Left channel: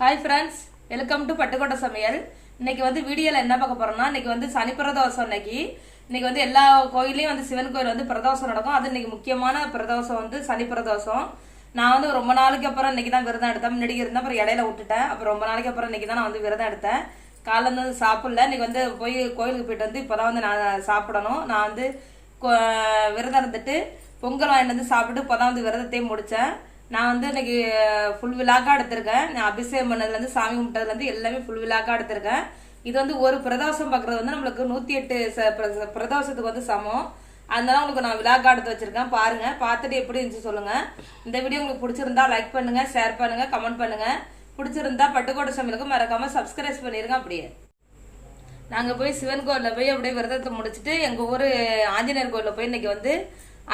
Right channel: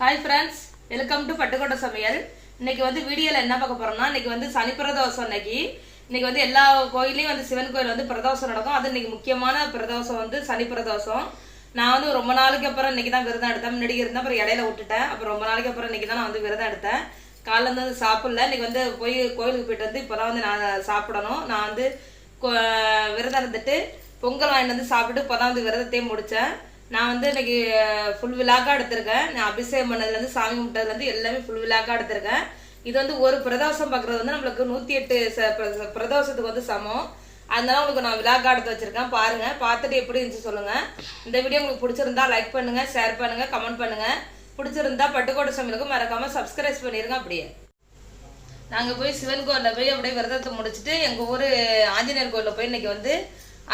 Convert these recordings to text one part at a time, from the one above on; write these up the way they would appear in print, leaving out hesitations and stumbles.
Hi friends, welcome to Pattukkottai சமையல். இன்னைக்கு வந்து வீடியோவில் என்ன பார்க்க போறோம்னா, இன்னைக்கு வந்து சனி பிரதோஷம். இன்னைக்கு வந்து எல்லா கோயிலையும் வந்து சிவன் கோயில் வந்து பிரதோஷம் நடக்கும். அது இன்னைக்கு முக்கியமான பிரதோஷம் வந்து சனி பிரதோஷம். நான் வந்து ரொம்ப நாளைக்கு அப்புறம் இன்னைக்கு தான் விரதம் எடுத்தேன். முன்னாடி இருந்தேன், அப்புறம் இடையில விட்டுட்டேன். அப்புறம் ரொம்ப நாளைக்கு அப்புறம் இன்னைக்கு தான் நான் வந்து விரதம் எடுத்தேன். காலைல இருந்து சாப்பிடல. இன்னைக்கு வந்து போய் கோயிலுக்கு போயிட்டு வந்து இப்போதான் வந்து நான் சாப்பிடணும். நான் வந்து விரதம் இருந்துட்டு பொங்கல் வாங்கிட்டு வந்து சாப்பிட்டு இப்போதான் வந்து விரதத்தையும் முடித்தேன். நான் வந்து இன்னைக்கு ஃபுல் விழாக்கா எடுத்திருக்கேன். நான் அபிஷேகம் பண்ணதுலேருந்து சாமி கும்பிட்டதுலேருந்து எல்லாமே ஃபுல் விழாக்கா எடுத்திருக்கேன். இது வந்து ஒரு பிரதோஷம் பார்க்குறது வந்து நம்மளுக்கு 108 பிரதோஷத்துக்கு வந்து சமம். அதனால உங்களுக்கு நான் விழாக்கா எடுத்து வச்சிருக்கேன். பாருங்க, பார்த்துட்டு எப்படி இருந்துச்சு சொல்லுங்க. இந்த வீடியோ உங்களுக்கு பிடிச்சிருந்தா லைக் பண்ணுங்க, ஷேர் பண்ணுங்க, கமெண்ட் பண்ணுங்க. பிடிச்சிருந்தா பட்டுக்கோட்டை சமையலுக்கு மறக்காம சப்ஸ்கிரைப் பண்ணிருங்க. அப்படியே நாங்கள் போய் சிவன் கோயிலில் போய் அப்படியே விரதத்தை முடிச்சுட்டு எங்கள் ஊர் ஆஞ்சநேயர் கோயிலில் போய் இன்னைக்கு வந்து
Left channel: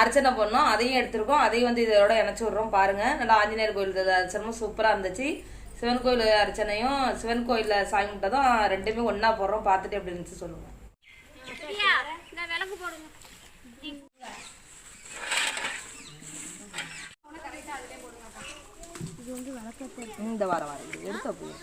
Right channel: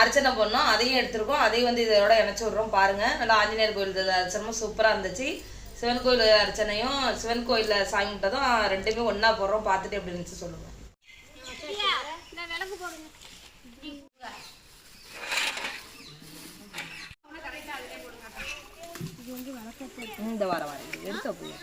அர்ச்சனை பண்ணோம். அதையும் எடுத்துருக்கோம். அதையும் வந்து இதோட இணைச்சி விட்றோம். பாருங்கள், நல்லா ஆஞ்சநேயர் கோயில் அர்ச்சனமும் சூப்பராக இருந்துச்சு. சிவன் கோயில் அர்ச்சனையும் சிவன் கோயிலில் சாமி கும்பிட்டதும் ரெண்டுமே ஒன்றா போடுறோம். பார்த்துட்டு எப்படி இருந்துச்சு சொல்லுங்கள். இந்த வாரம் எடுத்து அப்படியே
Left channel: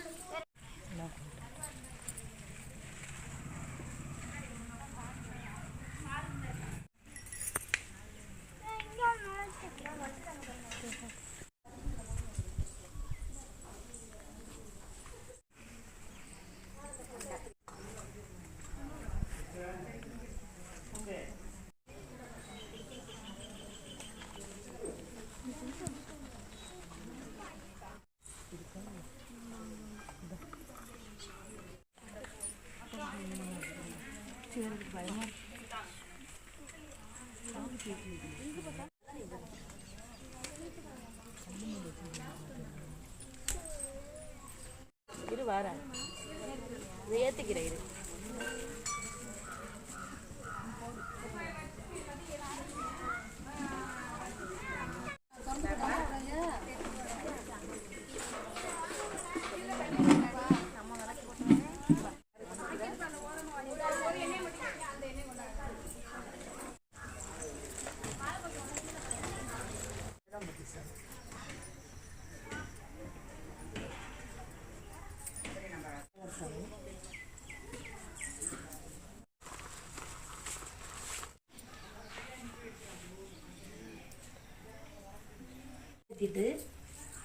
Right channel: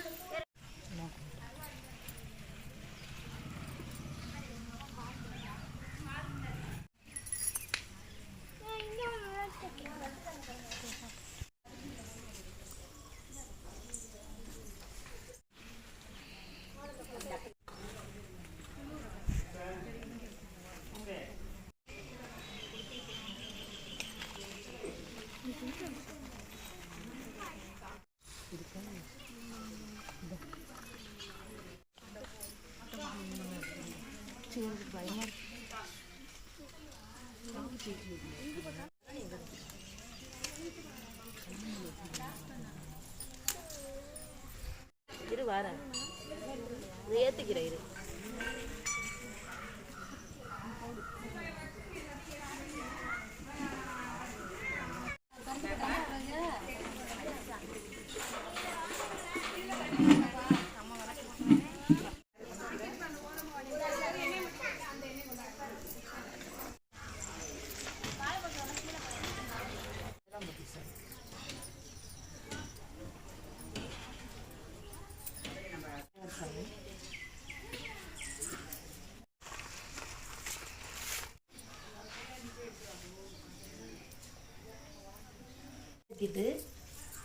பயமா இரு வார இதை ஏத்திக்கிறேன். இரு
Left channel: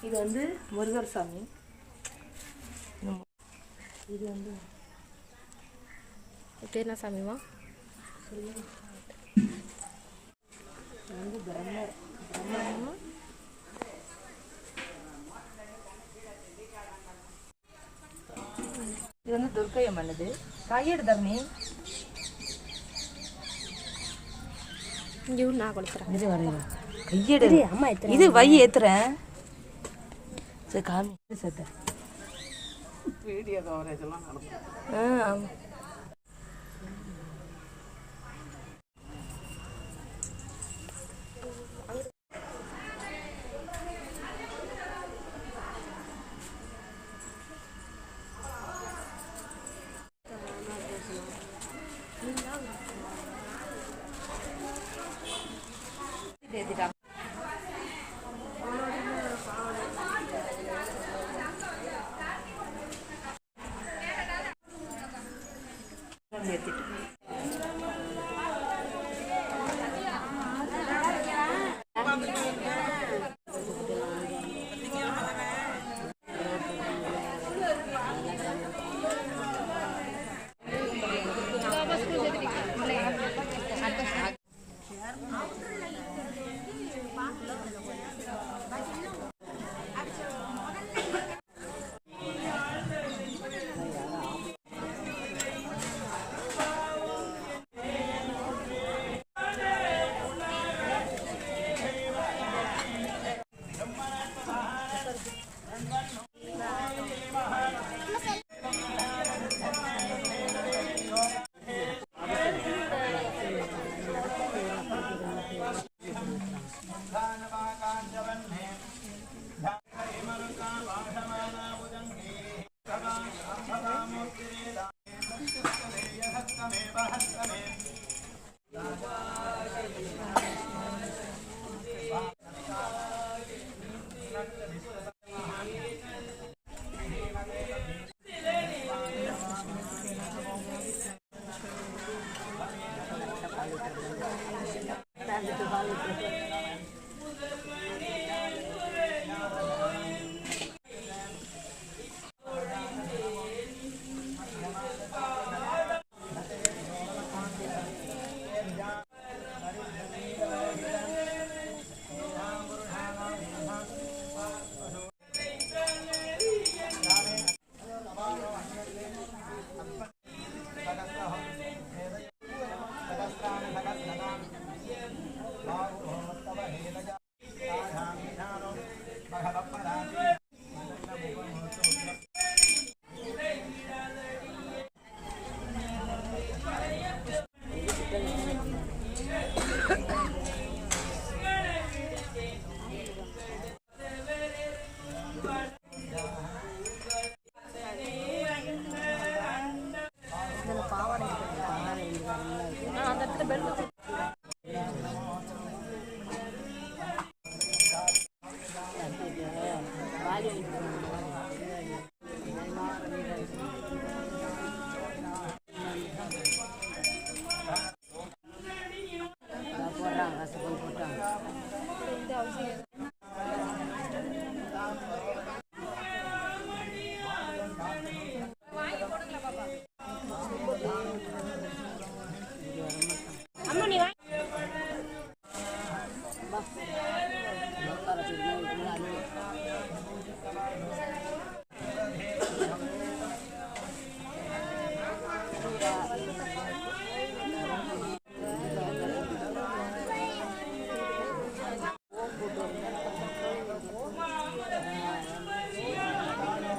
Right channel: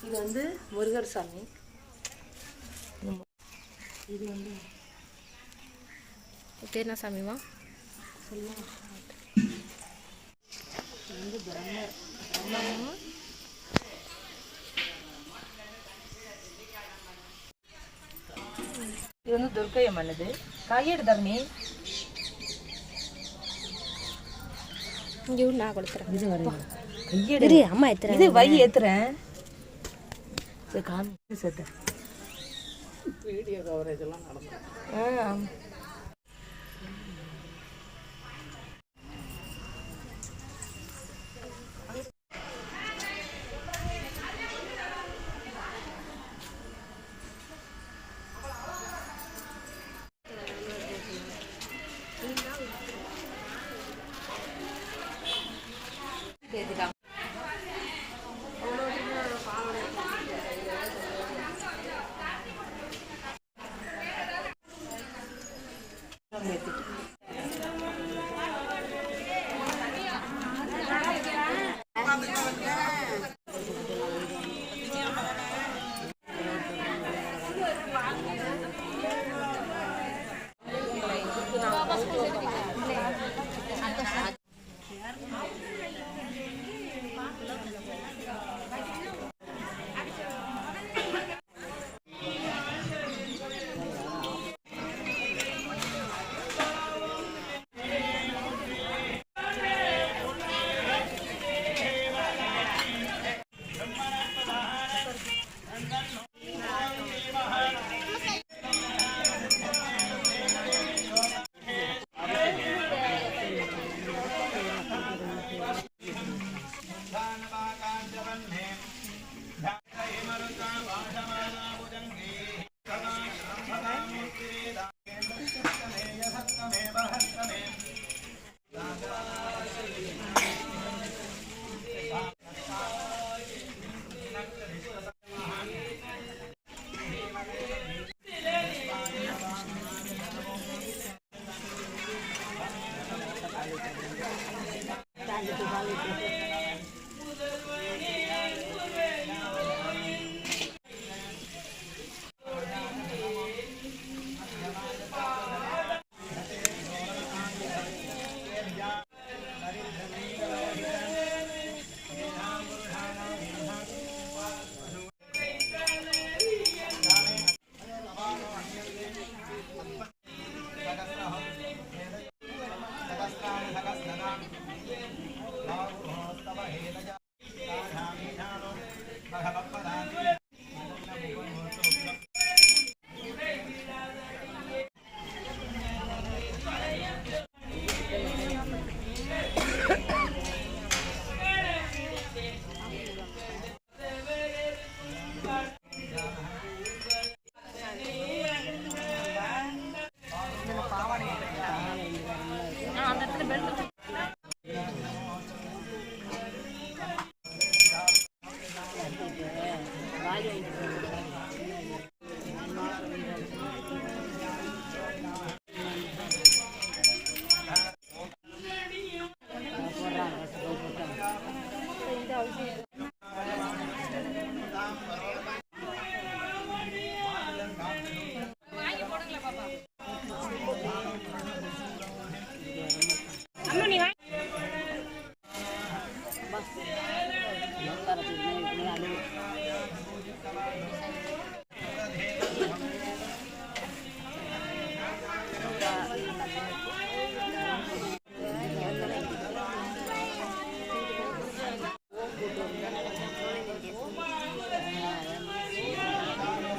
இது வந்து முருகர் சாமி. இது வந்து பேர் என்ன சாமிமா? இது வந்து பிரம்மமா. இது வந்து துர்க்கை அம்மனது. கையெடு தரணி. இங்கே நான் கொடுத்துறேன். இது வரையும் கையெடு. அம்மா ஏத்துறேன். இது வை ஏத்துறேன். சரி காமி சேர்த்த வீடியோ கவரேஜ் எல்லாம் நடக்கும்.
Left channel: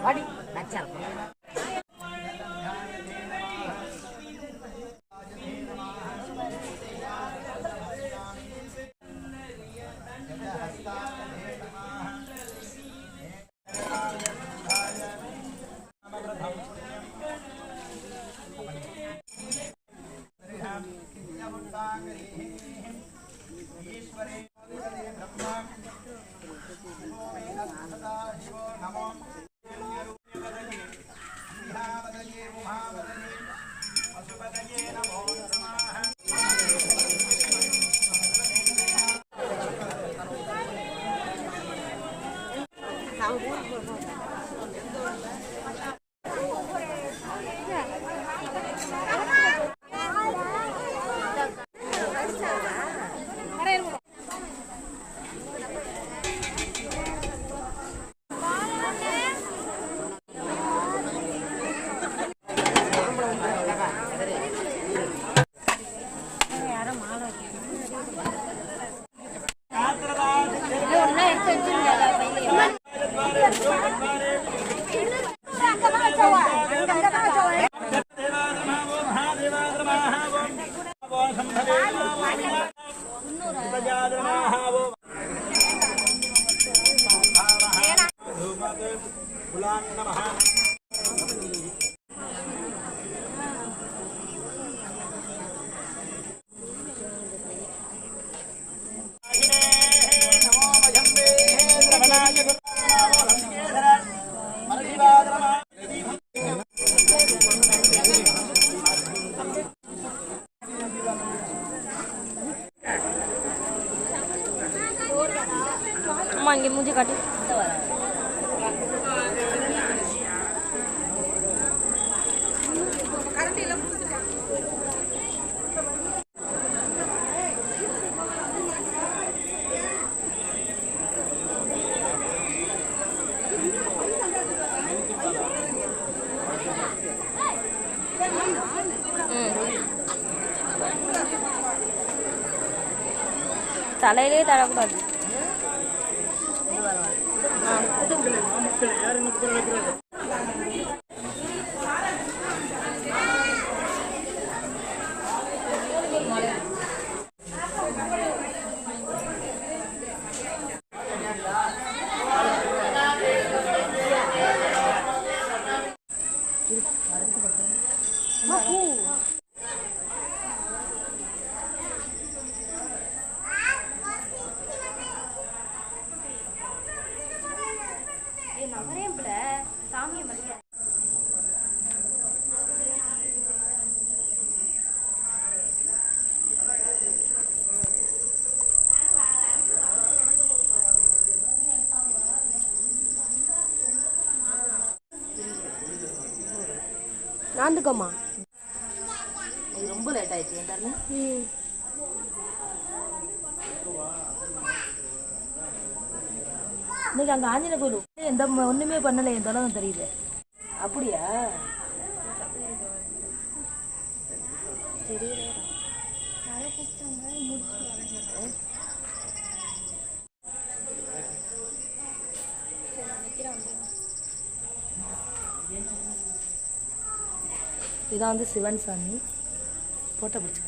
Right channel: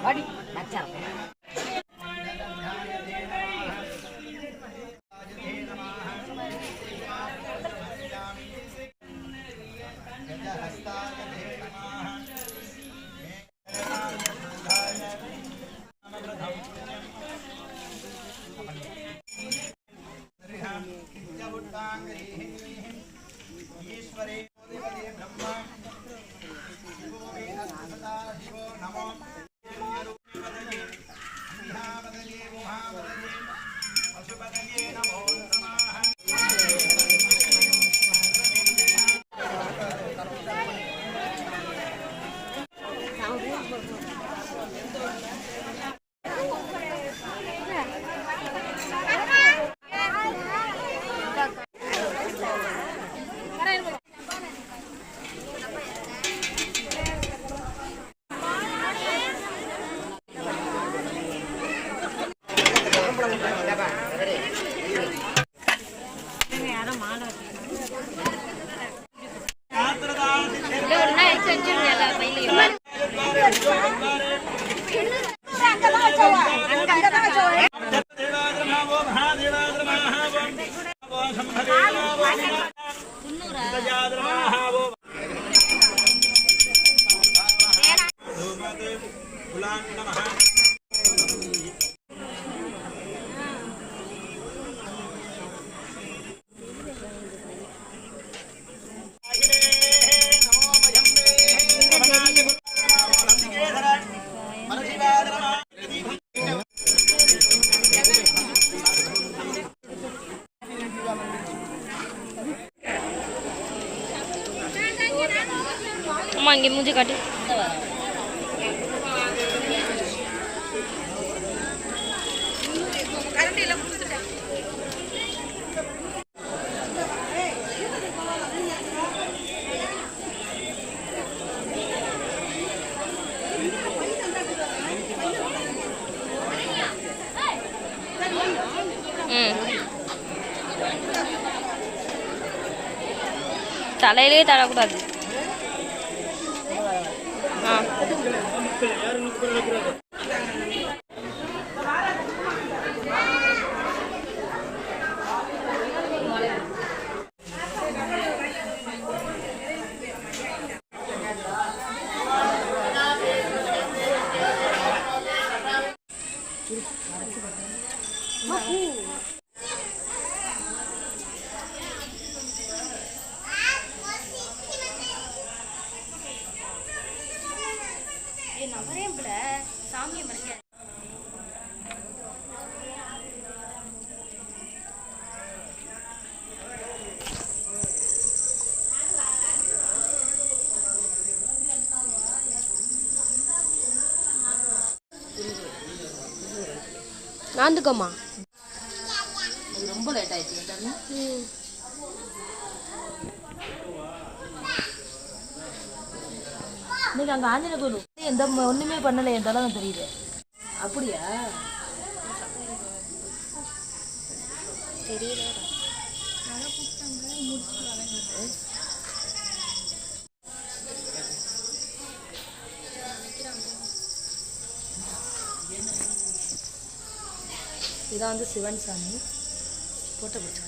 Body, that's all. मांगे मुझे काटे தலையிலே தரக்கூடாது. நவரேம்புல சாமியை ஆந்துக்கோமா, ரொம்ப லேட் ஆயிடுச்சு. இன்னைக்கு அங்கே ஆஞ்சநேயர் கோயில் எந்த ஒன்றுமே பண்ணலை, என் தொலை தெரியுது. அப்படியா? தெரியல. இதான் வந்து சிவன் சாமி போட்டோ பிடிச்சிக்க.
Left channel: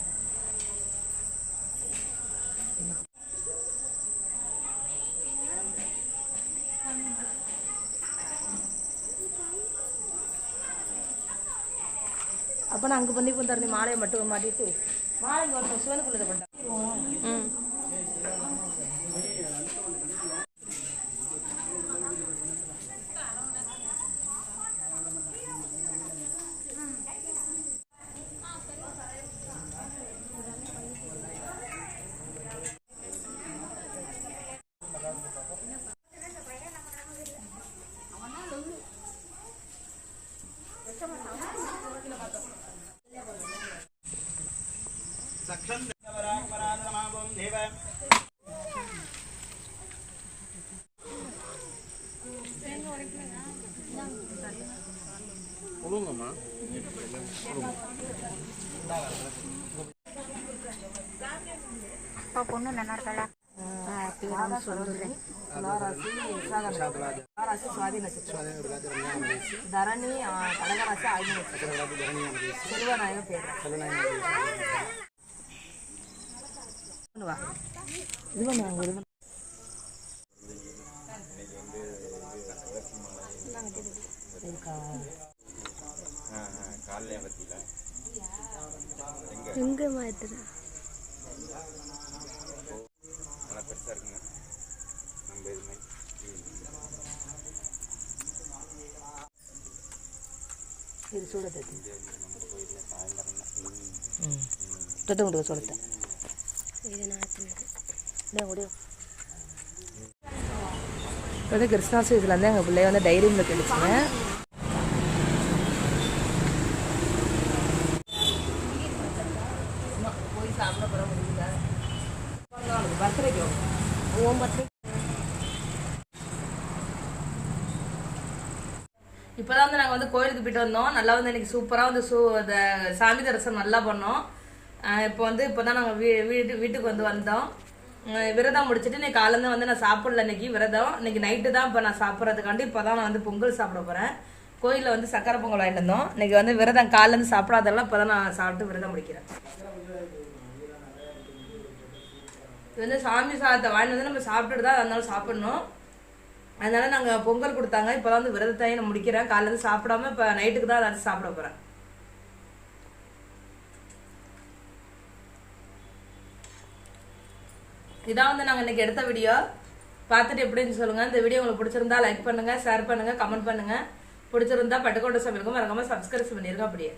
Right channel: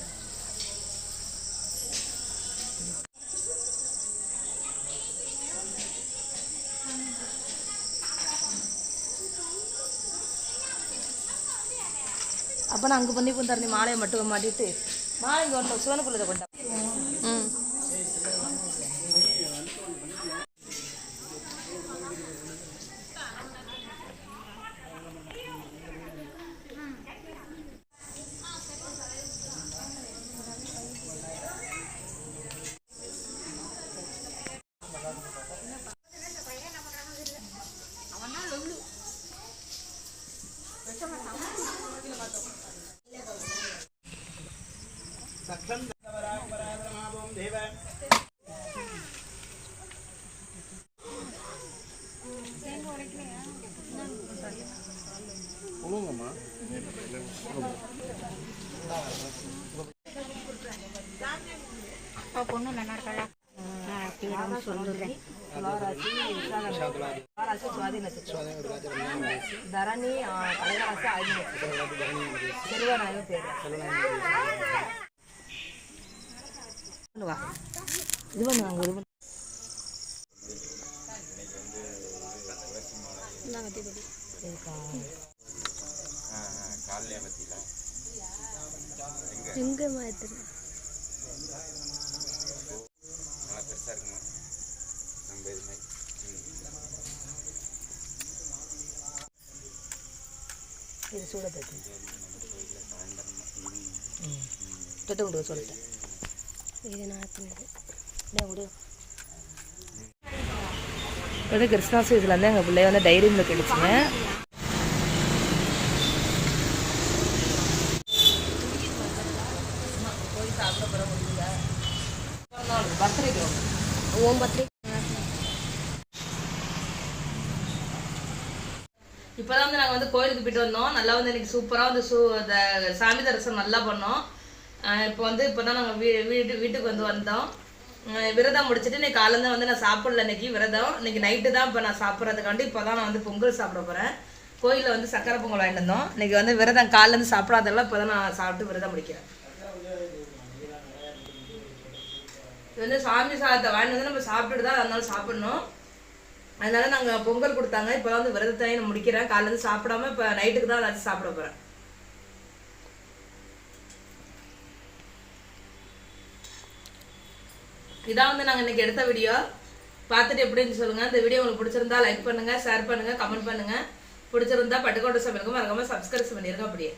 அப்போ நான் அங்கே பண்ணி தரேன். மாலையை மட்டும் மாட்டிட்டு மாலை இங்கே சிவனுக்குள்ளதை கொண்டா. பொண்ணு நல்லா இருக்கல. சுவாதி நட்சத்திரம், தரணி கடகராசி, ஆயுத நட்சத்திரம், செல்வநாயகம் பேர். இது பண்ணுவாங்க. இது எங்க மாதிரி இது சூட தட்டி தொட்டு சொல்லிட்டேன். இது நான் முடியும். இப்போ வந்து கிருஷ்ணாசு இதில் வந்து எங்கள் பிள்ளைய வந்து டைரி மில்க் எடுத்துங்க. போய் சாப்பிட போகிற முடியல. பர்த்டேக்கு ஓம் பர்த்டே. இப்போ தான் வந்து நாங்கள் வந்து கோயிலுக்கு போயிட்டு வந்தோம். நல்லா வந்து இன்னைக்கு சூப்பராக வந்து இந்த சாமி தரிசனம் நல்லா பண்ணோம். இப்போ வந்து இப்போ தான் நாங்கள் வீட்டுக்கு வந்து வந்தோம். விரதம் முடிச்சுட்டு இன்னைக்கு காலேருந்து வந்து நான் சாப்பிடல. இன்னைக்கு விரதம், இன்னைக்கு நைட்டு தான் இப்போ நான் சாப்பிட்றதுக்காண்டி இப்போ தான் நான் வந்து பொங்கல் சாப்பிட போகிறேன். கோயிலில் வந்து சக்கரை பொங்கல் வாங்கிட்டு வந்தோம். இன்னைக்கு வந்து விரதம் காலேருந்து சாப்பிடாதெல்லாம் இப்போ தான் நான் சாப்பிட்டு விரதம் முடிக்கிறேன். இது வந்து சாமி சாதத்தை வாங்கிட்டு வந்து நம்ம சாப்பிட்டுட்டு தான் அதனால சாப்பிடணும். அதனால நாங்கள் பொங்கல் கொடுத்தாங்க. இப்போ தான் வந்து விரதத்தையும் நான் முடிக்கிறேன். காலேருந்து சாப்பிடாம இப்போ நைட்டுக்கு தான் ஏதாச்சும் சாப்பிட போகிறேன். இதான் வந்து நாங்கள் இன்னைக்கு எடுத்த வீடியோ. பார்த்துட்டு எப்படின்னு சொல்லுங்கள். இந்த வீடியோ உங்களுக்கு பிடிச்சிருந்தா லைக் பண்ணுங்கள், ஷேர் பண்ணுங்கள், கமெண்ட் பண்ணுங்கள். பிடிச்சிருந்தா பட்டுக்கோட்டை சமையலுக்கும் மறக்காமல் சப்ஸ்கிரைப் பண்ணிடுங்க. அப்படியே